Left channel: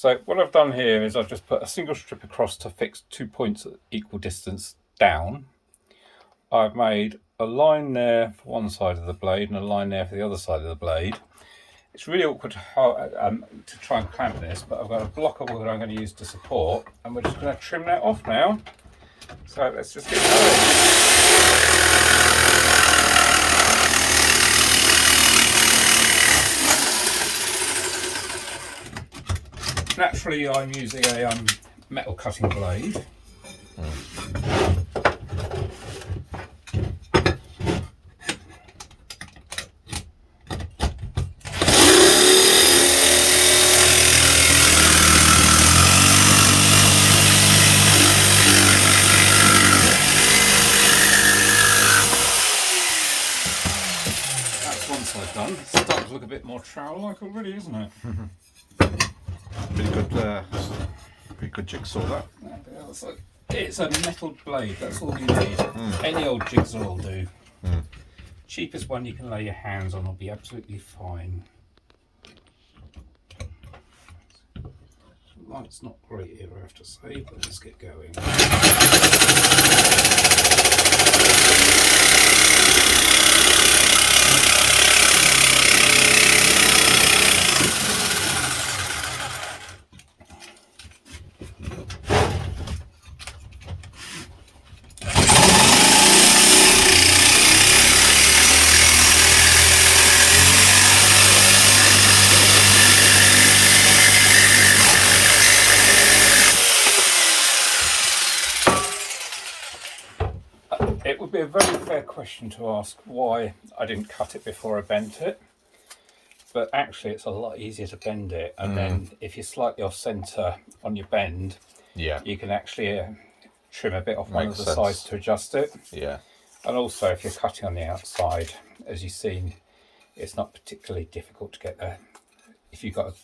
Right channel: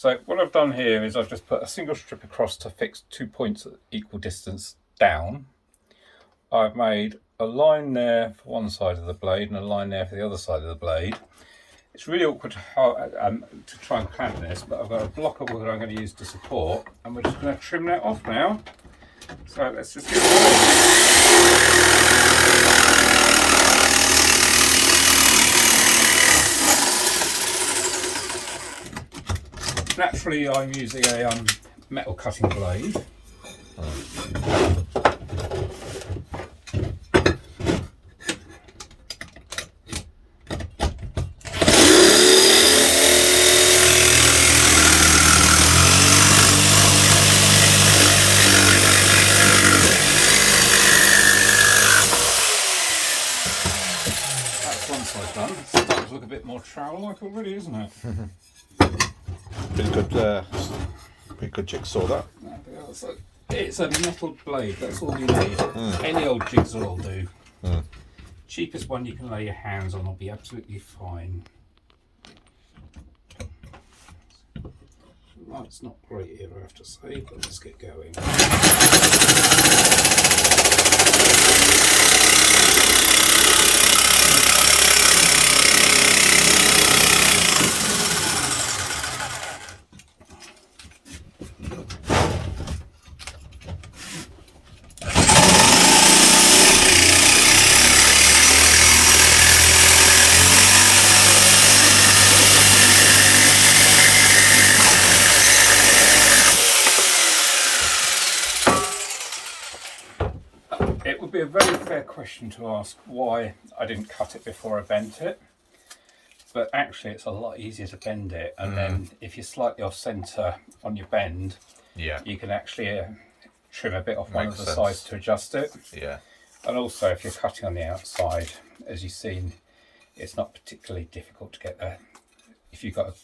So what I've done here is I've just put a single strip across to fix 2 points at equal distance down. I've made a line there for one side of the blade and a line there for the other side of the blade. It's really awkward to try and clamp this, but I've got a block of wood I'm going to use to support, and we're just going to trim that off now. So let's just get Naturally, I'm using a metal cutting blade. That's one side done. It's starting to look a bit more trowel-like already, isn't it? Pretty good jigsaw that. It's a metal blade, that's all you need. Any old jigsaw will do. Cheapest one you can lay your hands on will be absolutely fine. Light's not great here, I have to say, but let's get going. It would be a very fair question to ask why I didn't cut it before I bent it, but actually it's a lot easier to bend it, and then if you're slightly off centre on your bend, you can actually trim a bit off one of the sides to adjust it. And also if you're cutting on the outside, as you've seen, it's not particularly difficult to get there. If you've got a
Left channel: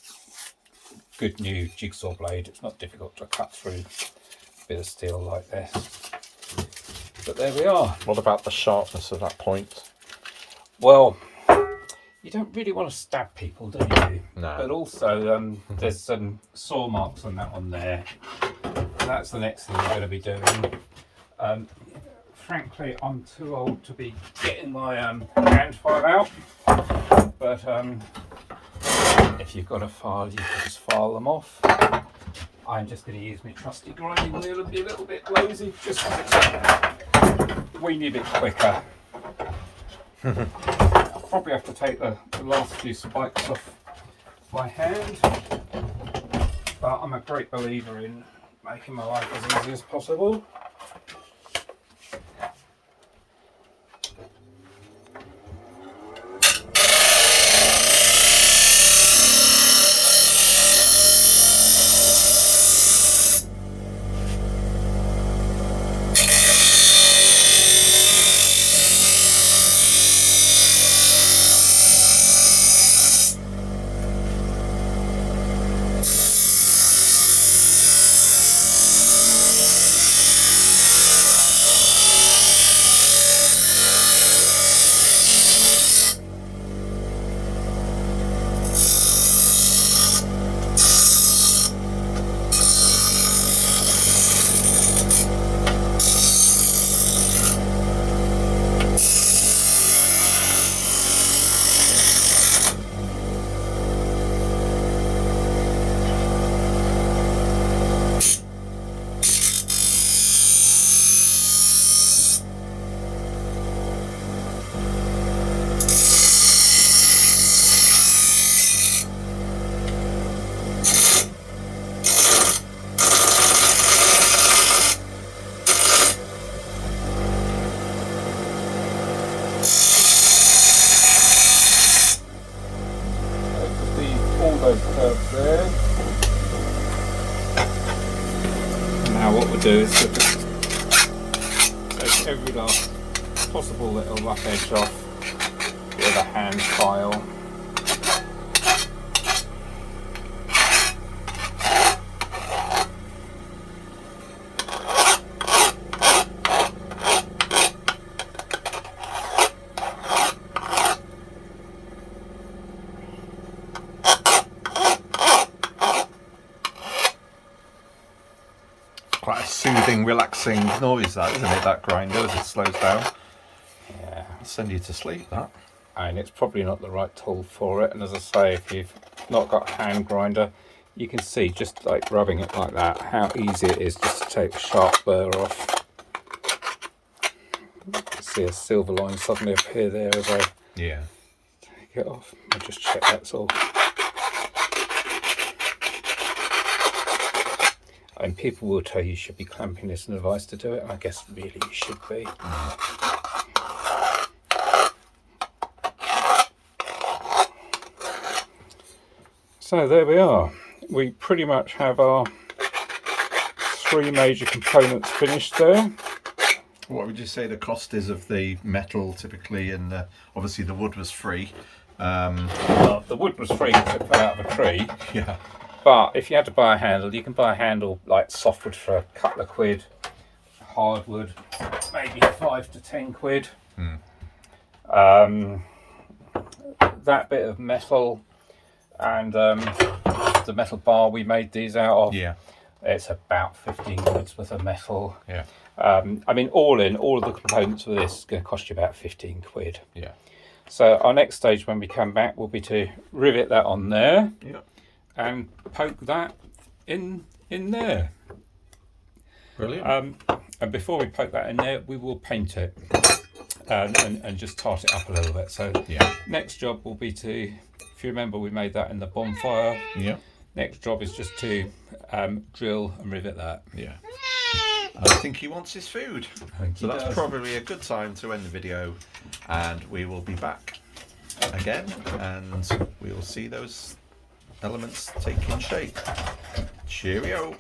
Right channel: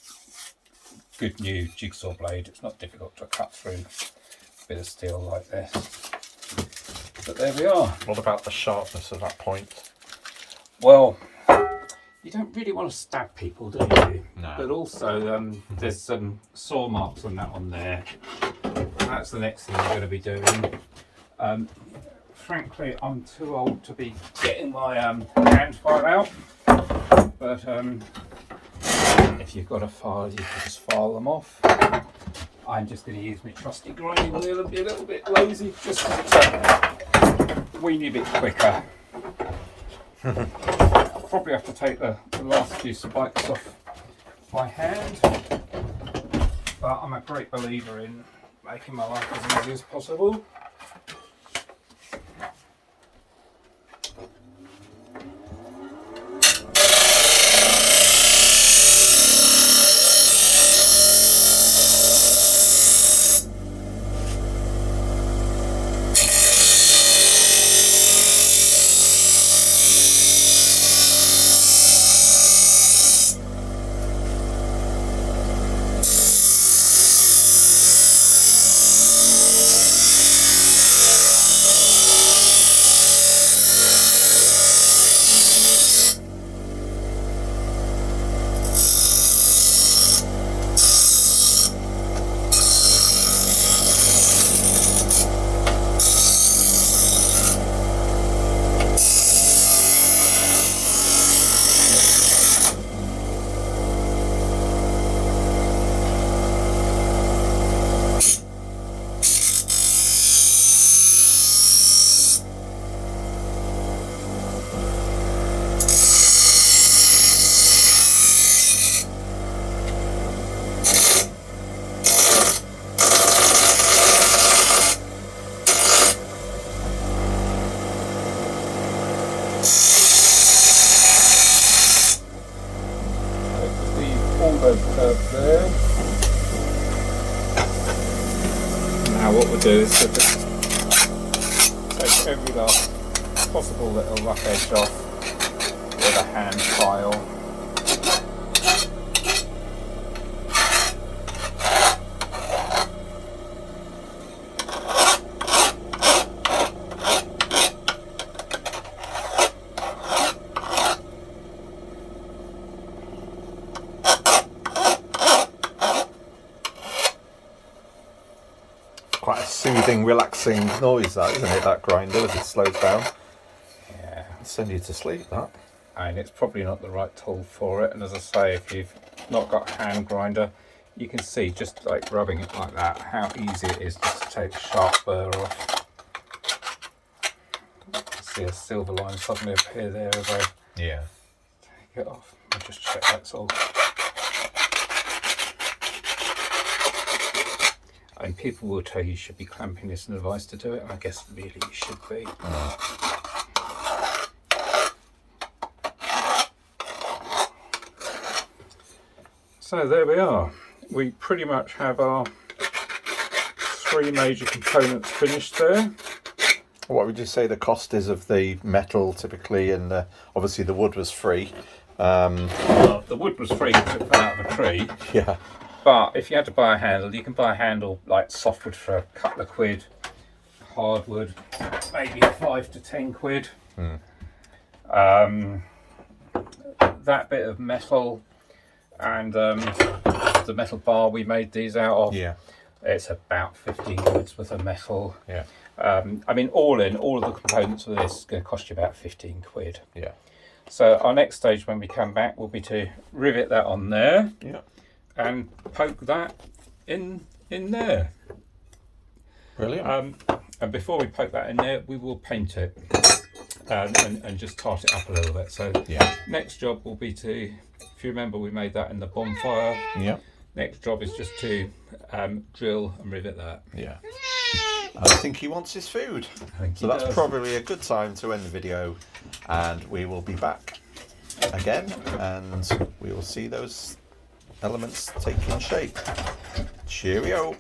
good new jigsaw blade, it's not difficult to cut through a bit of steel like this. But there we are. What about the sharpness of that point? Well, you don't really want to stab people, do you? No. But also, there's some saw marks on that on there. That's the next thing I'm going to be doing. Frankly, I'm too old to be getting my hand file out. But if you've got a file, you can just file them off. I'm just going to use my trusty grinding wheel and be a little bit lazy, just because it's a weeny bit quicker. Probably have to take the last few spikes off by hand, but I'm a great believer in making my life as easy as possible. There. Now what we'll do is we'll just take every last possible little rough edge off with a hand file. quite a soothing, relaxing noise, that, isn't it? That grinder as it slows down. Yeah. It'll send you to sleep, that. And it's probably not the right tool for it. And as I say, if you've not got a hand grinder, you can see just like rubbing it like that, how easy it is just to take the sharp burr off. See a silver line suddenly appear there as I take it off. I'll just check that's all. And people will tell you should be clamping this in a vice to do it. I guess really you should be. So there we are. We pretty much have our 3 major components finished there. What would you say the cost is of the metal typically, and obviously the wood was free? Well, the wood was free because it fell out of a tree. Yeah. But if you had to buy a handle, you can buy a handle like softwood for a couple of quid, hardwood maybe 5 to 10 quid. That bit of metal and the metal bar we made these out of, it's about 15 quid's worth of metal. I mean, all in, all of the components for this is going to cost you about 15 quid. So our next stage when we come back will be to rivet that on there. And poke that in there. Brilliant. And before we poke that in there, we will paint it and just tart it up a little bit. So next job will be to, if you remember, we made that in the bonfire. Next job is just to drill and rivet that. I think he wants his food. So that's probably a good time to end the video, and we will be back again, and we will see those elements taking shape. Cheerio.